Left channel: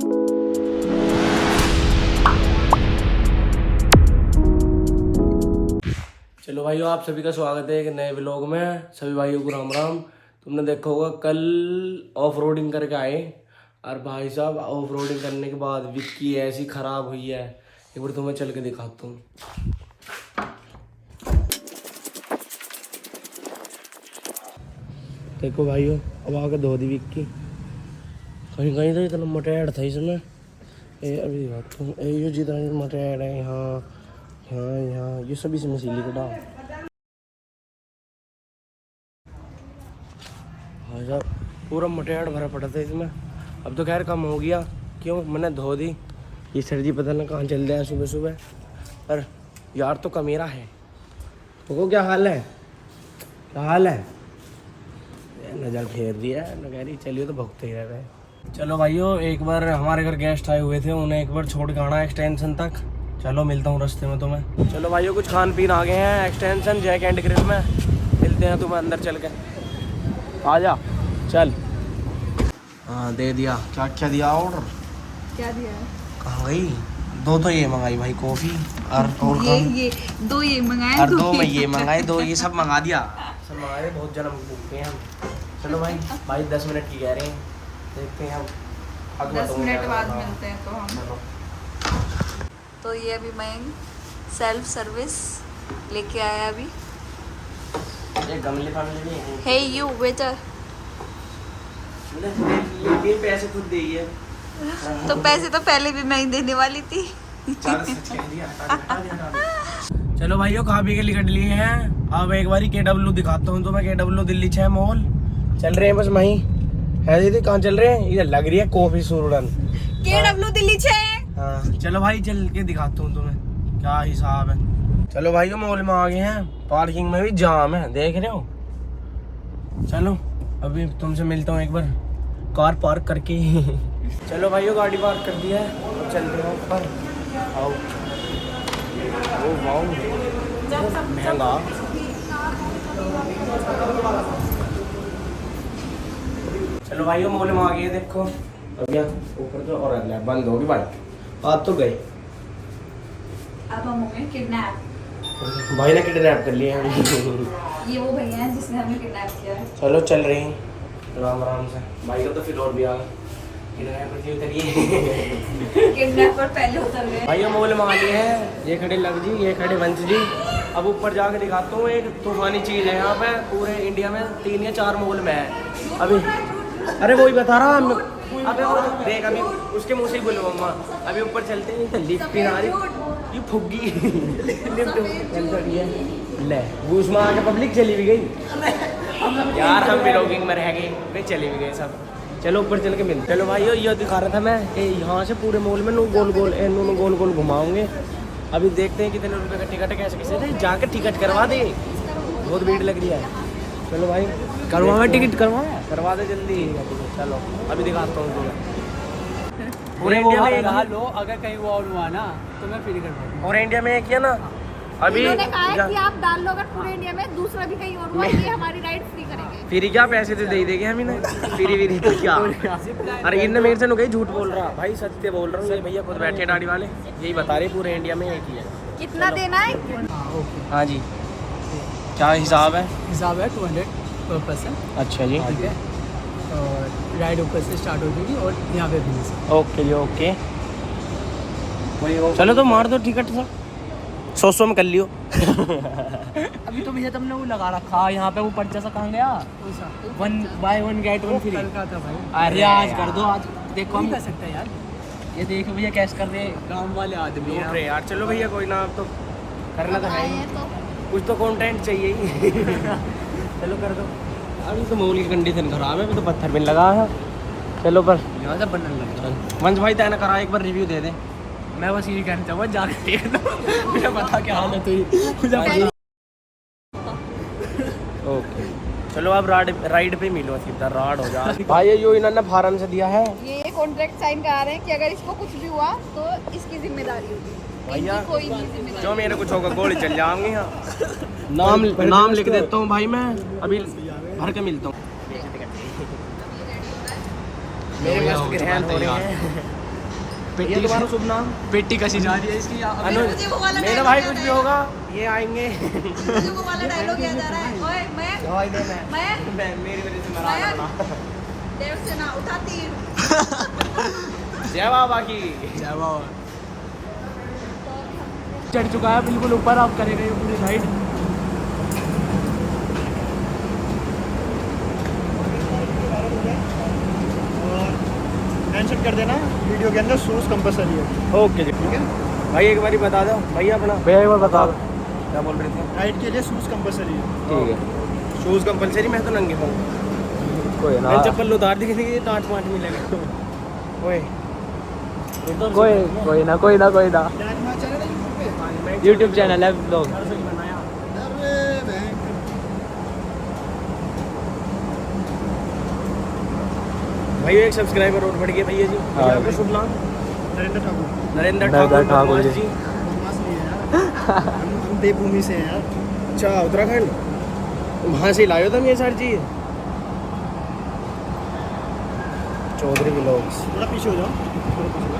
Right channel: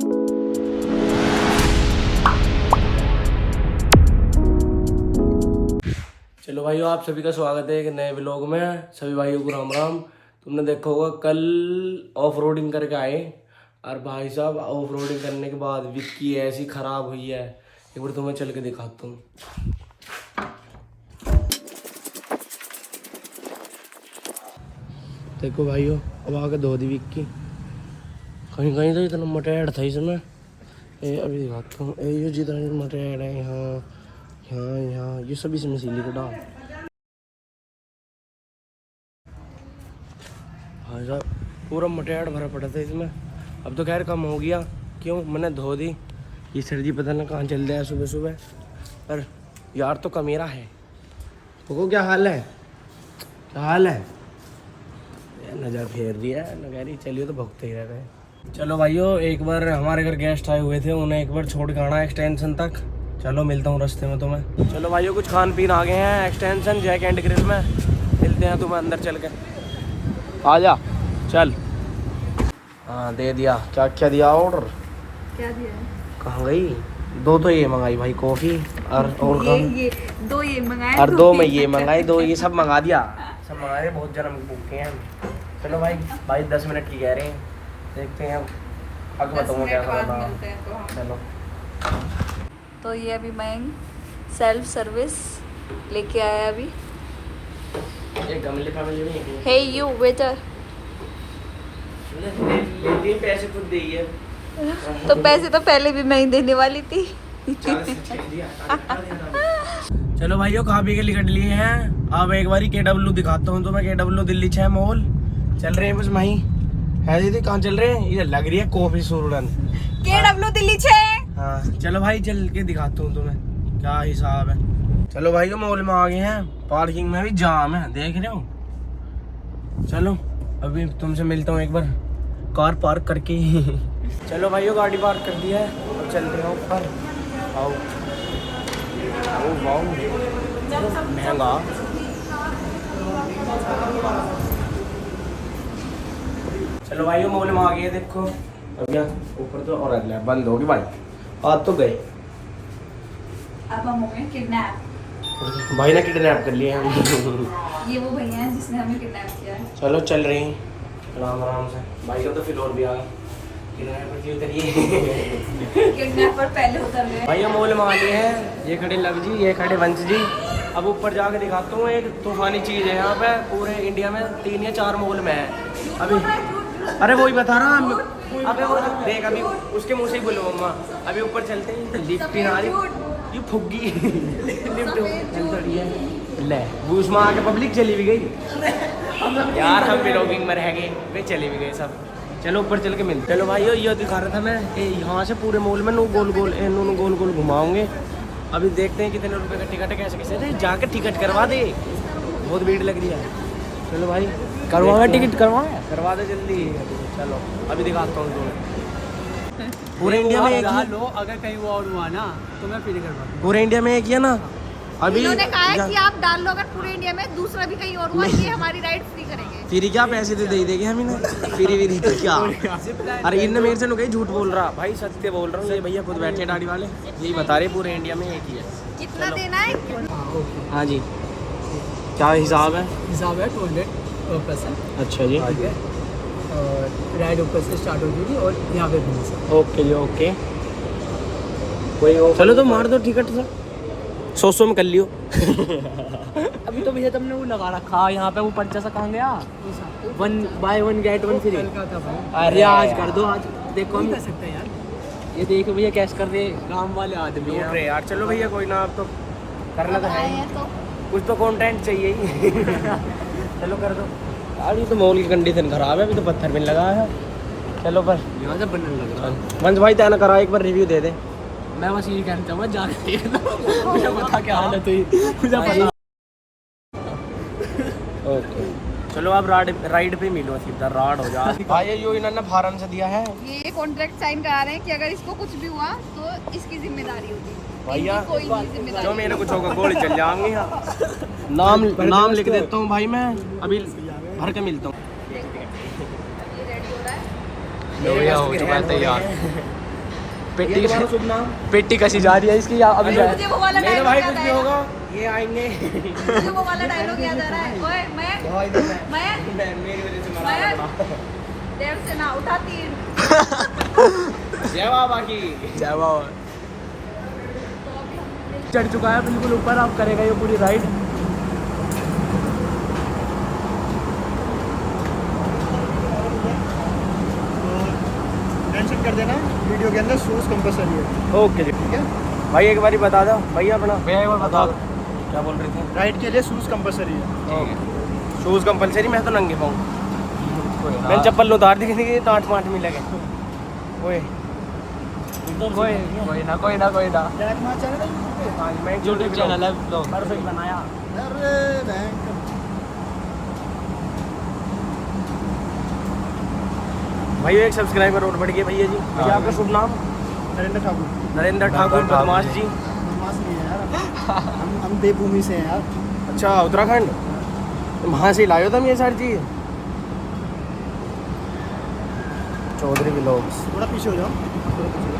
चलो भाइयों, आप सभी का स्वागत है एक नए व्लॉग में। सभी भाइयों को राम राम। तुमने देखा होगा कल ऑफ रोडिंग करके आए, और भाई साहब ऑफ रोडिंग करने के बाद विक्की ऐसी खराब हुई है, एक बार तुम्हें चल के दिखाता हूँ। देखो भाइयों, अब आके धो दी विक्की। कहीं कहीं तो इतना मोटेड था इसमें, ये अभी दिखाता हूँ। ये जितना मोटेड है यहाँ यहाँ यहाँ, ये सब इसमें सिली का डाल भाई साहब, पूरा मटेड़ भरा पड़ा था इसमें। अब तो खैर कम हो गया, क्यों मैंने धो दी। ये सर्दी पता ना कहाँ चल रहा है सुबह सुबह, पर यार तो कमीरा है। तो क्या हाल है, क्या हाल है? नजर फेर दिया न, कह रही चलिए तो भुगते ही रह गए। चलो भाइयों, एक बार हमारे घर गेस्ट आए हुए थे, उन्हें एक बार छोड़ के आना एक्सटेंशन तक। चलो मिलता हूँ रास्ते में तुम्हें। चलो भाइयों, कुछ खान पीन आ गए हैं एक्सटेंशन जैक एंड ग्रिल में, मिलते हैं तुम्हें अंदर चल के। आ जा चल। हाँ दे दिया। क्या क्या दिया ऑर्डर? क्या दिया है? कहाँ गई? दो तो ये मंगाई भाई कॉफी, और ये दो ये मंगाए, और दो मैं ये मंगाई, दो ये सब मंगा दिया, सब मंगा दिया। बहुत जन्म भूखे हैं हम। चलो भाई, भाई 10 मिनट की कह रहे हैं, देखते हैं हम आगे बताऊँगा क्या करना। चलो। तो ये अभी मैं सेल्फ सर्विस लेके आया अभी। ये गमले फैमिली में है। हे यू वेटर, ये पैसे खुद देइए। तो पैसे तो पहले भी मैं ही देने वाली थी। चलो भाइयों, खा पी के निकट लिए हैं। अब एक बारी KW दिखाता हूँ तुम्हें। KW दिल्ली 6 मॉल चल रहे हैं बस वहीं है। दीदी कहाँ चल रहे हैं? ये लग रही है कॉफी सूरन। KW दिल्ली 6। हाँ चलो भाई, चल के दिखाता हूँ तुम्हें क्या हिसाब है। चलो भाइयों, मॉल में आ गए हैं। पार्किंग में भी जाम है, देख रहे हो। चलो अभी तुमसे मिलता हूँ एक बार कार पार्क करके। चलो भाइयों, गाड़ी पार्क कर दिया है, अब चलते हैं ऊपर। आओ। ओ वाओ, महंगा। चलो भाइयों, मॉल में आ गए। देखो अब यहाँ ऊपर तो और बंद होगी भाई, आज तो गए। अब हम हो गए किडनैप। भाई ने किडनैप कर लिए हम। ये वो भैया हैं जिसने हमें किडनैप किया है। चलो चल रही हैं आराम आराम से। भाई का तो फिर और भी आ गया। किडनैपर पहले उतर गए। भाई हम मॉल में आ गए हैं। ये खड़े लव जी, ये खड़े वंश जी। अब ऊपर जाके दिखाता हूँ, एक तूफानी चीज़ है यहाँ पे। पूरे इंडिया में 3 या 4 मॉल में है अभी। अरे वही बता रहा। अबे वो देख, अभी उसके मुँह से ही बोलो मम्मा। अभी ऊपर चलते हैं, लिफ्ट आ रही, ये फुग्गी लिफ्ट चल रही है। ले घूस में आके पब्लिक चली भी गई यार। हम व्लॉगिंग में रह गए, वे चले भी गए सब। चलो ऊपर चल के मिलते। चलो भाइयों, ये दिखा रहा था मैं, यहाँ से पूरे मॉल में गोल गोल घुमाऊंगे। अभी देखते हैं कितने रुपए का टिकट है, कैसे कैसे जाके टिकट करवा दे। बहुत भीड़ लग रही है। चलो भाई, करवाए टिकट, करवा दे जल्दी। चलो अभी दिखाता हूँ तुम्हें। पूरे इंडिया में डाल लो, अगर कहीं वो और हुआ ना तो मैं फ्री करवा दूँ। पूरे इंडिया में एक ही है ना अभी। इन्होंने कहा है कि आप डाल लो, अगर पूरे इंडिया में दूसरा भी कहीं और हुआ, ये हमारी राइड फ्री करेंगे। फिर क्या पैसे तो दे देंगे हम इन्हें, फिर तो क्या। अरे इनने मेरे से नु कहीं झूठ बोल रहा भाई, सत्य बोल रहा हूँ। ये भैया खुद बैठे दाढ़ी वाले, यही बता रहे पूरे इंडिया में एक ही है। कितना देना है? हाँ जी, क्या हिसाब है? हिसाब है 200 पर पर्सन। अच्छा जी, ठीक है। और राइड ऊपर से स्टार्ट हो जाएगी और यहाँ पे भी सर। ओके जी ओके। चलो तो मार दो टिकट सा, 100 में कर लियो। अभी तो भैया तुमने वो लगा रखा यहाँ पे, वो पर्चा सा कहाँ गया? 1 buy 1 get 1 फ्री। कल का था भाई। अरे आज कर दो, आज देखो हम कर सकते हैं यार। ये देखो भैया कैश कर दे, काम वाले आदमी हैं अरे यार चलो भैया, कोई ना, अब तो करना तो है ही, तो कुछ तो कंटेंट चाहिए ही। चलो कर दो। अभी तो मॉल की कंडीशन खराब है, अभी तो पत्थर भी लगा है। चलो कर, यहाँ से बनने लगे। वंश भाई तैना करा, एक बार रिव्यू दे दे। मैं बस यही कहना चाहूँगा, जाके देख लो। मुझे पता क्या हालत हुई। ओके चलो आप राइड पे मिलो, सीधा राड हो जा। भाई ये इन्होंने फार्म से दिया है, ये कॉन्ट्रैक्ट साइन करा रहे हैं कि अगर इसको कुछ भी हुआ तो इसकी जिम्मेदारी होगी। भैया इनकी कोई नहीं जिम्मेदारी। जो मेरे कुछ होगा गोली चल जाऊंगी यहाँ। नाम लिख देता हूँ भाई मैं, अभी भर के मिलता हूँ। ये तुम्हारा शुभ नाम? पेटी कसी जा रही है इसकी अभी अनुज, मेरा भाई कुछ भी होगा ये आएंगे। दवाई दो मैं मेरी वजह से मरा पड़ा। जय बाबा की जय बाबा। चढ़ चुका है बिल्कुल ऊपर, आप करेगा ये पूरी राइड। मेंशन कर देना वीडियो के अंदर, शूज कंपलसरी है। ओके जी, ठीक है भाई एक बार बता दो भैया अपना, भैया एक बार बता दो क्या बोल रहे थे? राइड के लिए शूज कंपलसरी है। ठीक है, शूज़ कंपलसरी। मैं तो नंगे हूँ, मैंने चप्पल उतार दी किसी की, डांट माट मिले गए। ओए कोई ना क्या तुम्हारा चैनल है मैं यूट्यूब चैनल है ब्लॉग। परफेक्ट बनाया। अरे बैंक भैया एक सब्सक्राइबर और बढ़ गए भैया जी। भैया आपका शुभ नाम? नरेंद्र ठाकुर। नरेंद्र ठाकुर बदमाश जी। बदमाश नहीं है यार, हम देवभूमि से हैं यार। अच्छा, उत्तराखंड वहाँ से लाए हो तुम ये सारी चीज़? चौधरी व्लॉग्स। थोड़ा पीछे हो जाओ।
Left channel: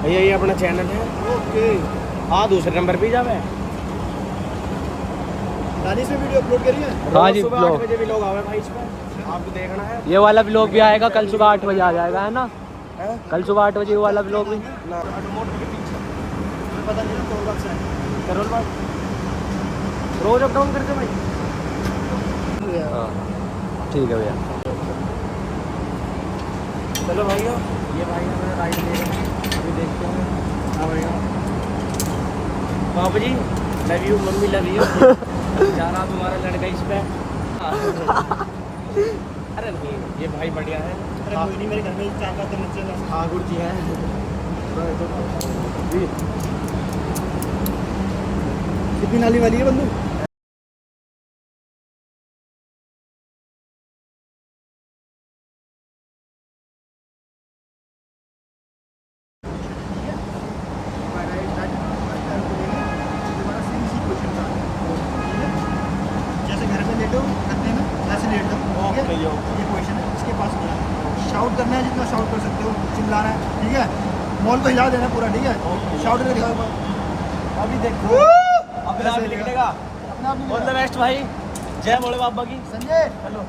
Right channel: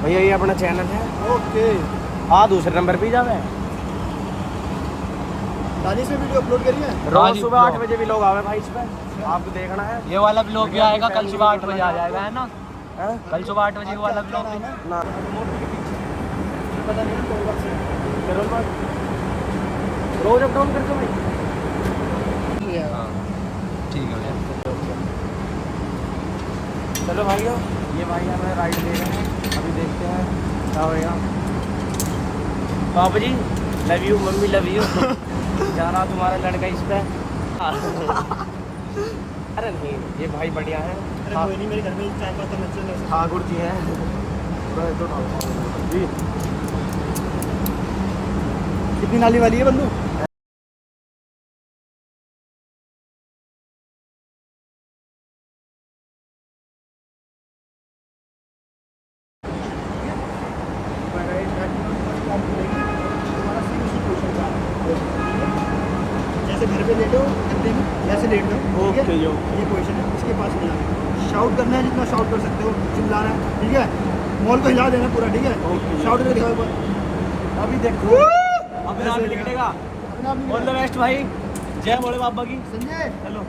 भैया ये अपना चैनल है। ओके, हाँ, दूसरे नंबर पे जावे। दादी से वीडियो अपलोड करिए। रोज सुबह 8 बजे भी लोग आवे भाई इस पे, आपको देखना है। ये वाला ब्लॉग भी आएगा कल सुबह 8 बजे आ जाएगा, है ना? हैं? कल सुबह 8 बजे ये वाला ब्लॉग भी। ना मोटर के पीछे मुझे पता नहीं ना कौन बात से करोल बात रोज अप डाउन करते हो भाई? ठीक है भैया। चलो भाइयों, ये भाई हमें राइड दे रहे हैं, अभी देखते हैं क्या होएगा। पापा जी लव यू, मम्मी लव यू। जा रहा तुम्हारा लड़का इस पे। अरे नहीं, ये भाई बढ़िया है। अरे कोई नहीं, मेरे घर में चाय का तो नीचे ठाकुर जी हैं। जी कितनी नाली वाली है बंदू? जैसे घर पे लेटो अंधे में वैसे लेट जाओ। ओके ठीक है? यो। ये पोजीशन है, इसके पास होना है। शाउट करना है जितना शाउट कर सकते हो, चिल्लाना है, ठीक है? मॉल को हिला देना पूरा, ठीक है? ओके। शाउट करके दिखाओ ऊपर। अभी देखो अपने आप निकलेगा। अपने आप नहीं ऑल द बेस्ट भाई, जय भोले बाबा की। संजय चलो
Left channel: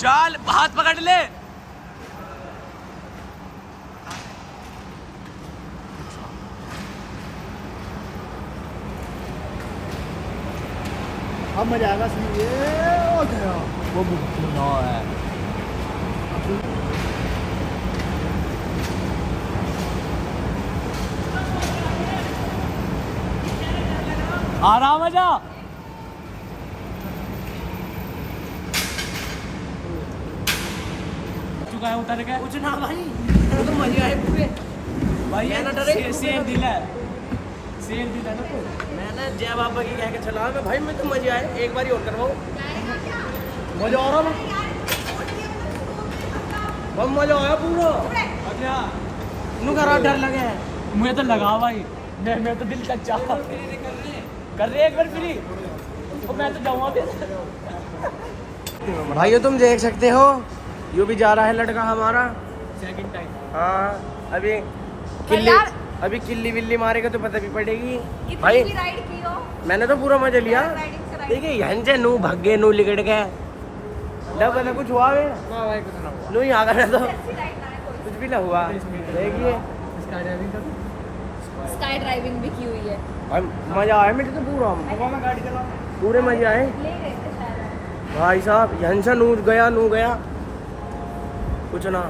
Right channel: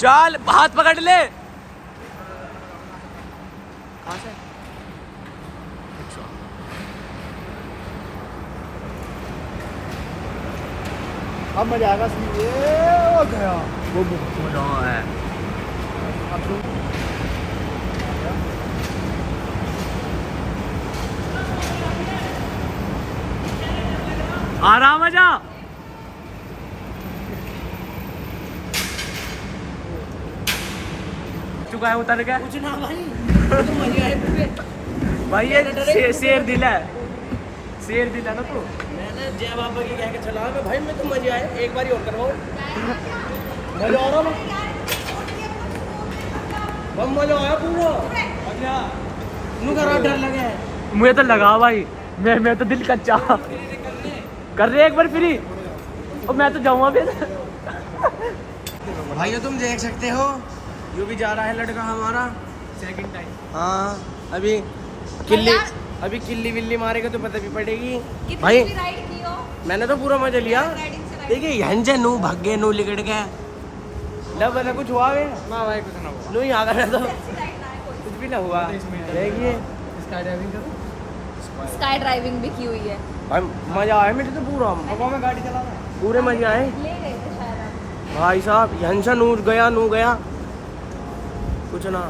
चल हाथ पकड़ ले। अब मजा आएगा। ये हो गया। वो भी है। आराम आजा। चुका है उतर के। कुछ ना भाई, तो मजे आए पूरे। भाई ये शेर दिल है, शेर दिल है ना तू। मैंने जय बाबा की कह के चला मैं भाई, मैं तो मजे आए। एक बार और करवाओ, मजा आ रहा है। बहुत मजा आया पूरा। अच्छा नु करा, डर लगे। मुझे तो लगा भाई, मैं तो दिल कच्चा कर रहे एक बार फ्री, और मैं तो जाऊंगा फिर। भाइयों तुम देख सकते हो, यूं भी जा रहा है लड़का हमारा। Second time. हाँ, अभी किल्ली विल्ली मारेगा तो पता भी पड़ेगी भाई। मैंने तो पूरा मजा लिया। देखिए यहाँ से नू भागे, नू लिकट गए। जब वाला कुछ हुआ वे ना भाई कुछ ना हुआ। नू ही आ गया तो कुछ भी ना हुआ। देखिए स्काई ड्राइविंग करूं? स्काई ड्राइविंग भी की हुई है। भाई मजा आया मुझे तो पूरा, मैं गाड़ी चला। पूरे मजे आए ले गए थे शायद। भाई साहब। यहाँ से नू गया कुछ ना,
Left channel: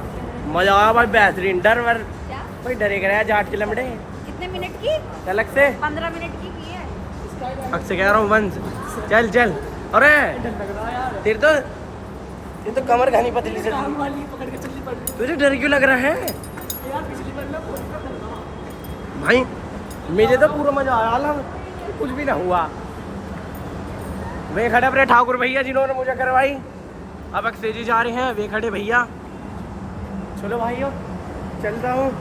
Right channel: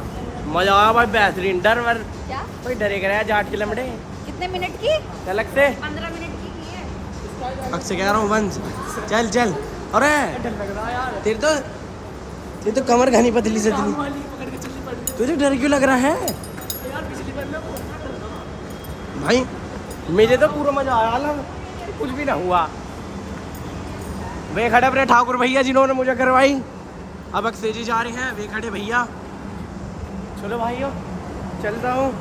मजा आया भाई, बेहतरीन। डर वर क्या? भाई डरे कर जाट के लमड़े कितने मिनट की? अलग से 15 मिनट की है। अक्सर कह रहा हूँ वंश, चल चल। अरे डर लग रहा है यार। तेरे तो कमर घनी पतली से काम वाली पकड़ के चलनी पड़ रही तुझे डर क्यों लग रहा है है यार। पिछली बार मैं बहुत डर था। भाई? मुझे तो पूरा मजा आया ना, कुछ भी ना हुआ। वे खड़े अपने ठाकुर भैया जिन्होंने मुझे करवाई। अब अक्सर जी जा रहे हैं, वे खड़े भैया। चलो भाइयों चलता हूँ।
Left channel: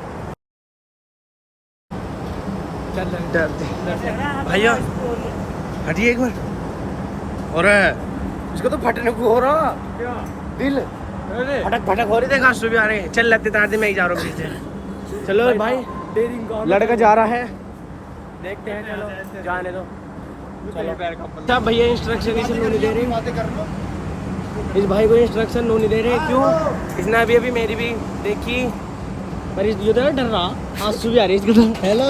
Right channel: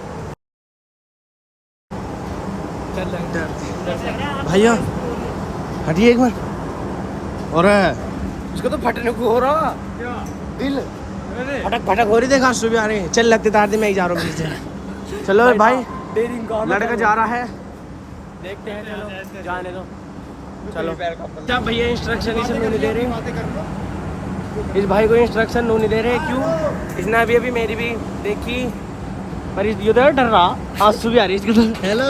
डर लग डरते भैया, हटिए एक बार। और इसको तो फटने को हो रहा क्या? दिल, अरे फटक फटक हो रही। देखा सुबह आ रही है। चल लगते तार दे, मैं ही जा रहा हूँ पीछे। चलो भाई, लड़का जा रहा है, देखते हैं। चलो जाने दो, चलो। अच्छा भैया इंस्ट्रक्शन इसे नहीं दे रहे, इस भाई को इंस्ट्रक्शन नहीं दे रहे। क्यों? इसने अभी अभी मेरी भी देखी, पर ये तो डर रहा, आंसू भी आ रही है इसके तो। हेलो,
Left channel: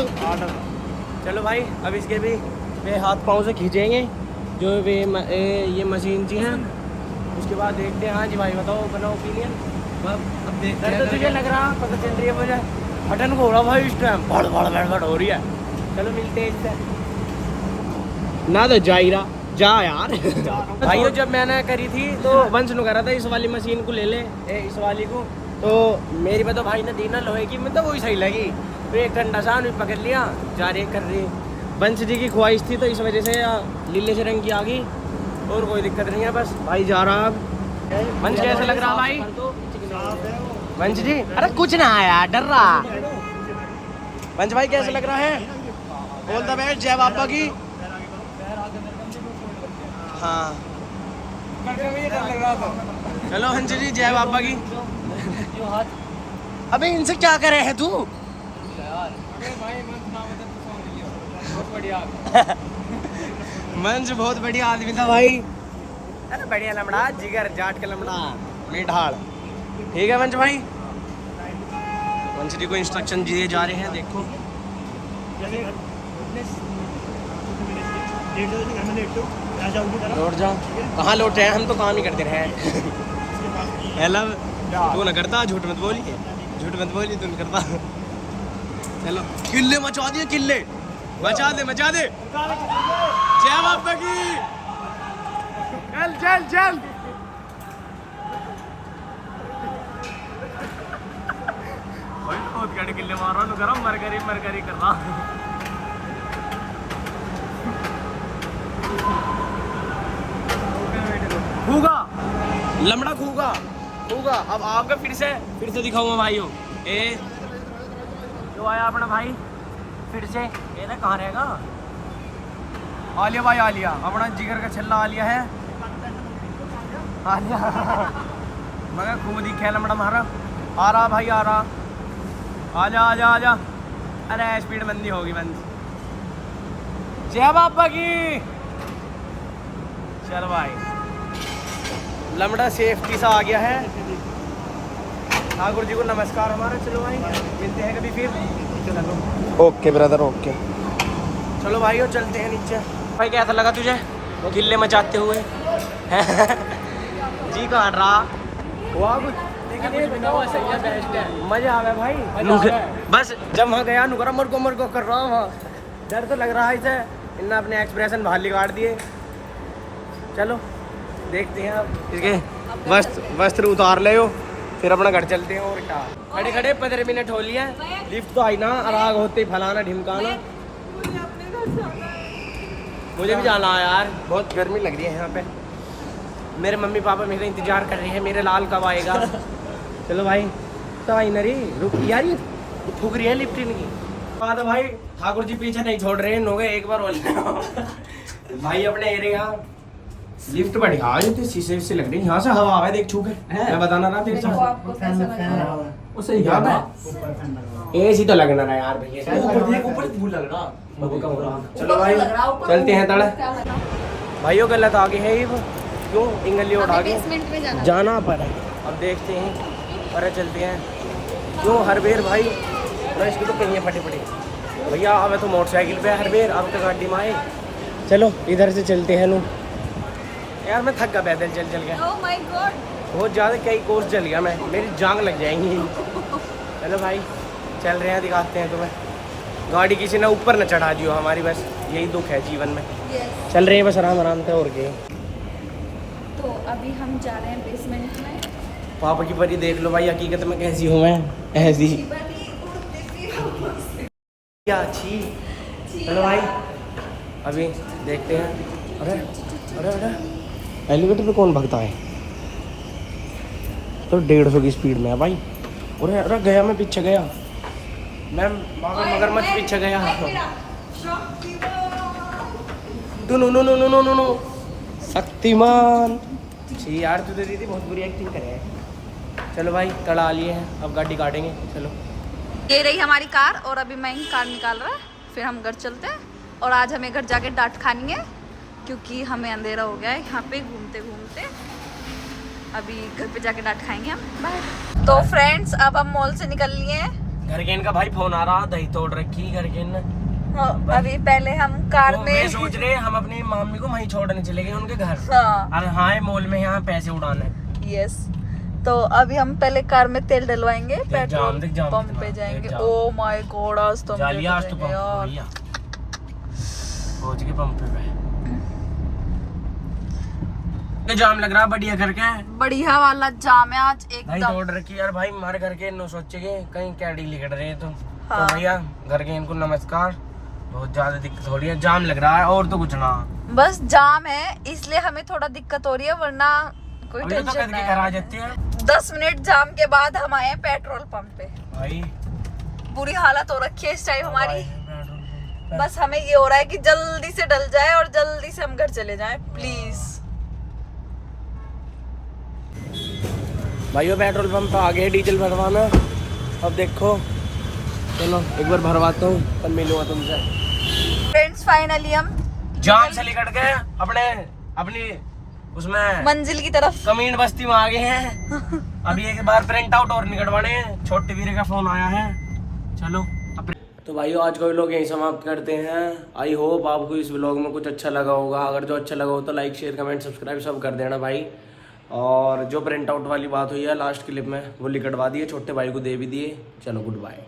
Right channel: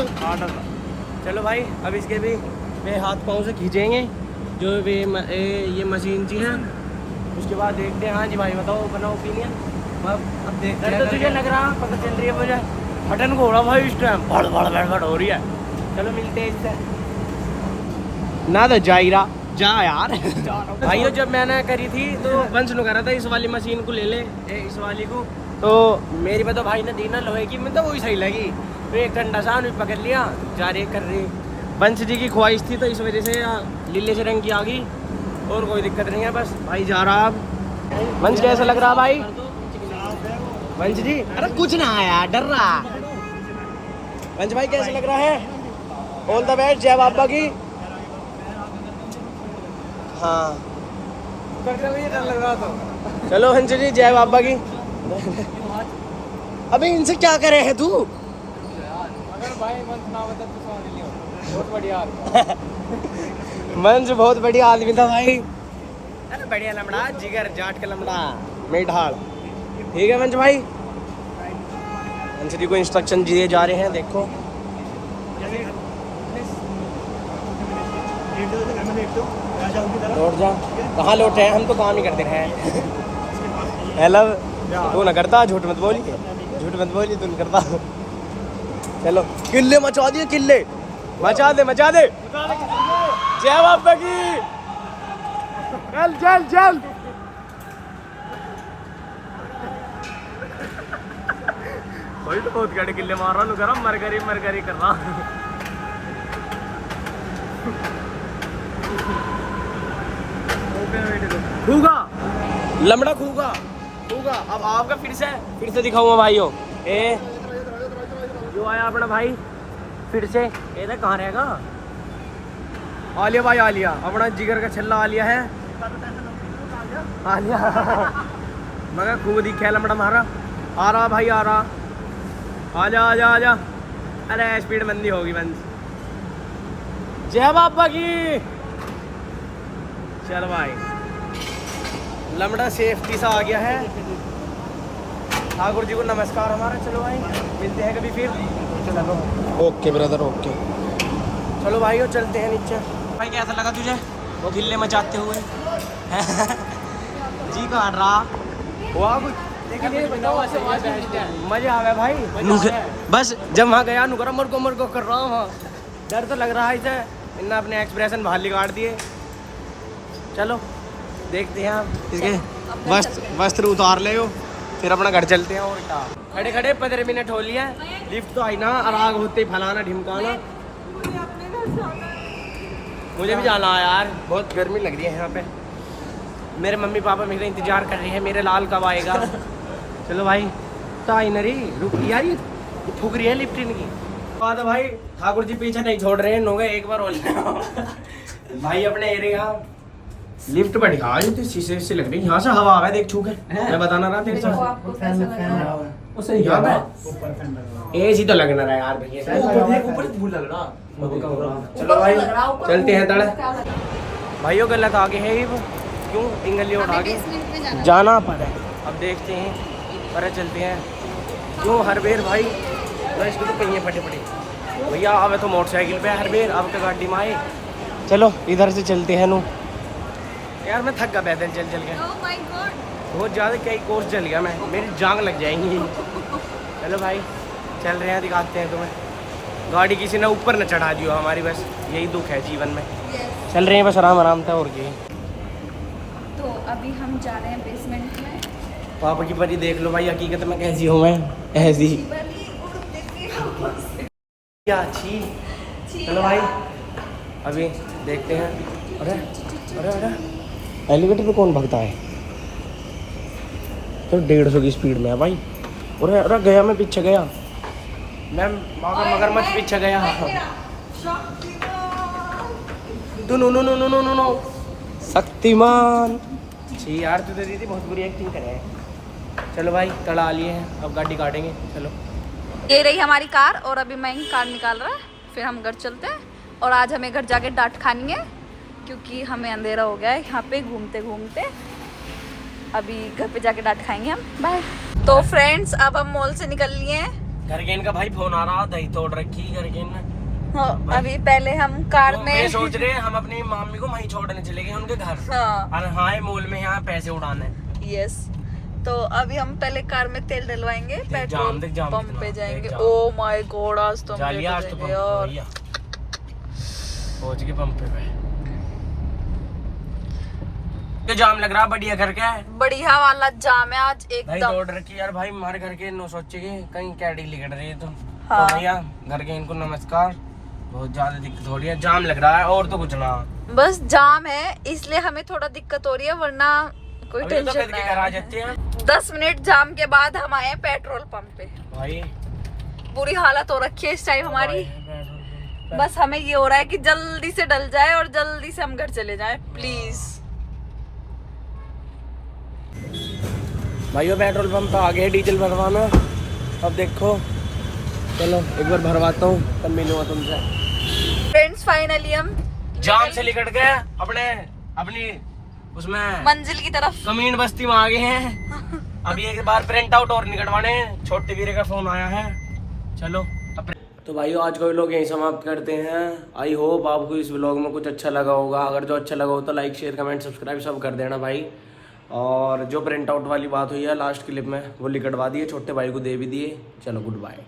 चलो भाई अब इसके भी वे हाथ पाँव से खींचेंगे जो वे ये मशीन जी हैं, उसके बाद देखते हैं। हाँ जी भाई बताओ, अपना ओपिनियन। अब देखते हैं। तो तुझे लग रहा पता चल रही है मुझे हटन को हो रहा भाई इस टाइम भड़ भड़ भड़ भड़ हो रही है। चलो मिलते हैं इससे ना, तो जायरा जा यार। भाइयों जब मैंने करी थी तो वंश नु करा था इस वाली मशीन को ले ले, इस वाली को, तो मेरी बात भाई ने दीना लोहे की, मतलब वही सही लगी। तो एक ठंडा सा भी पकड़ लिया, जा रही कर रही। वंश जी की ख्वाहिश थी तो इस वजह से लीले से रंग की आ गई, और कोई दिक्कत नहीं है। बस भाई जा रहा। अब वंश कैसा लग रहा भाई? वंश जी अरे कुछ ना आया, डर रहा। वंश भाई कैसा लग रहा है? ऑल द बेस्ट, जय बाबा की। हाँ चलो वंश जी जय बाबा की। अबे इनसे क्या करे है तू? वंश बहुत बढ़िया आदमी था भाई, अरे बढ़िया लमड़ा, जिगर जाट का लमड़ा, नहीं ढाल। ठीक है वंश भाई, वंश जी को इंस्ट्रक्शन दिए जा रहे हैं। देखो लौट जा, कहाँ लौट रहे हैं हम, तो काम ही करते रहे। हेलो तू ना करता, झूठ मत बोली, झूठ मत बोली, तू करता। चलो किल्ले मचा दिए, किल्ले मचा दे, मचा दे। जय बाबा की। चल चल चल। वही तो बहुत गड़े किल्ले मार रहा, गरम मरगरी कर रहा। खूगा लमड़ा, खूगा खूगा। अब आपका फिर से दिखाऊंगा भाइयों। ए जो आया अपना भाई फिर से, ये ना कहाँ रहेगा? आलिया भाई, आलिया अपना जिगर का छल्ला आलिया है, आलिया। मगर खूब दिखा लमड़ा मारा, आ रहा भाई आ रहा। आजा आजा आजा, अरे स्पीड मंदी होगी बंद। जय बाबा की। चल भाई लमड़ा सेफ्टी सा आ गया है। ठाकुर जी को नमस्कार हमारा। चलो भाई मिलते हैं कभी फिर। चलो ओके ब्रदर, ओके। चलो भाइयों चलते हैं नीचे। भाई कैसा लगा तुझे वो गिल्ले मचाते हुए? जी काट रहा हुआ कुछ, सही है, बेस्ट है, मजा आ गया भाई। बस जब वहाँ गया नुकरा मर को कर रहा हूँ वहाँ, डर तो लग रहा है इसे। इन्हें अपने एक्सप्रेशन बाहर निकाल दिए। चलो देखते हैं इसके वस्त्र उतार ले हो, फिर अपना घर चलते हैं। और क्या खड़े खड़े 15 मिनट हो लिया, लिफ्ट तो आई ना, आराग होते ही फलाना ढिमकाना। मुझे भी जाना है यार, बहुत गर्मी लग रही है यहाँ पे। मेरे मम्मी पापा मेरा इंतजार कर रहे हैं, मेरे लाल कब आएगा। चलो भाई तो आई नरी रुक यार, ये फूक रही है लिफ्ट इनकी। बात है भाई, ठाकुर जी पीछे नहीं छोड़ रहे हैं, नो गए एक बार और। भाई अपने एरिया लिफ्ट बढ़िया है, तो शीशे से लग रही है, यहाँ से हवा आ रहा है, देख छू के मैं बताना रहा तेरे साथ। वो सही है ना, एसी तो लगना रहा यार भैया, ऊपर धूल लग रहा। चलो भाई चलते हैं तड़े। भाइयों गलत आगे है ये, क्यों इंगली उठा के जाना पड़ा। अब देखते हैं, पर चलते हैं। क्यों हर बेर भाई इसके तो पहिए फटे पड़े भैया। अब तो मोटरसाइकिल पे हर बेर, अब तो गाड़ी में आए। चलो इधर से चलते हैं। नू यार मैं थक गया पैदल चल के। Oh my God! बहुत ज़्यादा कई कोर्स चल गया मैं, मेरी जांग लग जाएंगी। चलो भाई चल रहे हैं, दिखाते हैं तुम्हें। गाड़ी किसी ने ऊपर न चढ़ा दियो हमारी, बस यही दुख है जीवन में। Yes. चल रहे हैं बस आराम आराम से। और क्या तो अभी हम जा रहे हैं बेसमेंट में। पापा की परी देख लो भाई, हकीकत में कैसी हूँ मैं, ऐसी क्या अच्छी। चलो भाई अभी देखते हैं। अरे अरे अरे एलिवेटर पे कौन भगता है? तो 150 की स्पीड में है भाई। अरे अरे गया, मैं पीछे गया, मैं मगरमच्छ पीछे गया। No no no no no no Shaktimaan. छी यार तू तो दीदी बहुत बुरी एक्टिंग करे है। चलो भाई तड़ा लिए हैं, अब गाड़ी काटेंगे। चलो ये रही हमारी कार और अभी मैं कार निकाल रहा है, फिर हम घर चलते हैं। और आज हमें घर जाके डांट खानी है क्योंकि हमें अंधेरा हो गया है यहाँ पे घूमते घूमते। अभी घर पे जाके डांट खाएंगे हम। बाय। तो फ्रेंड्स अब हम मॉल से निकल लिए हैं। घर के इनका भाई फोन आ रहा, दही तोड़ रखी घर के ने। हाँ, अभी पहले हम कार में सोच रहे हैं हम अपनी मम्मी को वहीं छोड़ने चले गए उनके घर। हाँ अरे हाँ मॉल में यहाँ पैसे उड़ाने। यस। तो अभी हम पहले कार में तेल डलवाएंगे, पेट्रोल पंप पे जाएंगे। ओ माय गॉड आज तो हम लेट हो जाएंगे यार। पहुंच गए पंप पे। जाम लग रहा बढ़िया घर के। बढ़िया वाला जाम है आज भाई एकदम। तोड़ रखी यार भाई हमारे घर के नो सोचे के कहीं कैडी लिकट रहे तो हाँ। तो भैया घर के इनको नमस्कार। बहुत ज्यादा दिक्कत हो रही है, जाम लग रहा है और तो कुछ ना। बस जाम है इसलिए हमें थोड़ा दिक्कत हो रही है, वरना कोई अभी तो टेंशन कद के घर आ जाती है। नहीं। 10 मिनट जाम के बाद हम आए हैं पेट्रोल पंप पे। भाई बुरी हालत हो रखी है इस टाइम हमारी। बस हमें ये हो रहा है कि जल्दी से डल जाए और जल्दी से हम घर चले जाएं प्लीज। भाइयों पेट्रोल पंप आ गए डीजल भरवाना। अब देखो चलो एक बार भरवाता हूँ तब मिलूंगा तुमसे। फ्रेंड्स फाइनली हम जाम से लिकट गए अपनी उसमें मंजिल की तरफ। कमीन बस्ती में आ गए हैं। अभी एक बार प्रिंट आउट और निकलवाने हैं। छोटे वीरे का फोन आया है। चलो तो भाइयों आज को लोग यहीं समाप्त करते हैं। आई होप आपको इस व्लॉग में कुछ अच्छा लगा होगा। अगर जो अच्छा लगा हो तो लाइक शेयर कमेंट सब्सक्राइब सब कर देना भाई। और जो प्रिंट आउट वाली बात हुई है लास्ट क्लिप में वो लिखवा दिए, छोटे भाई को दे भी दिए। चलो गुड बाय।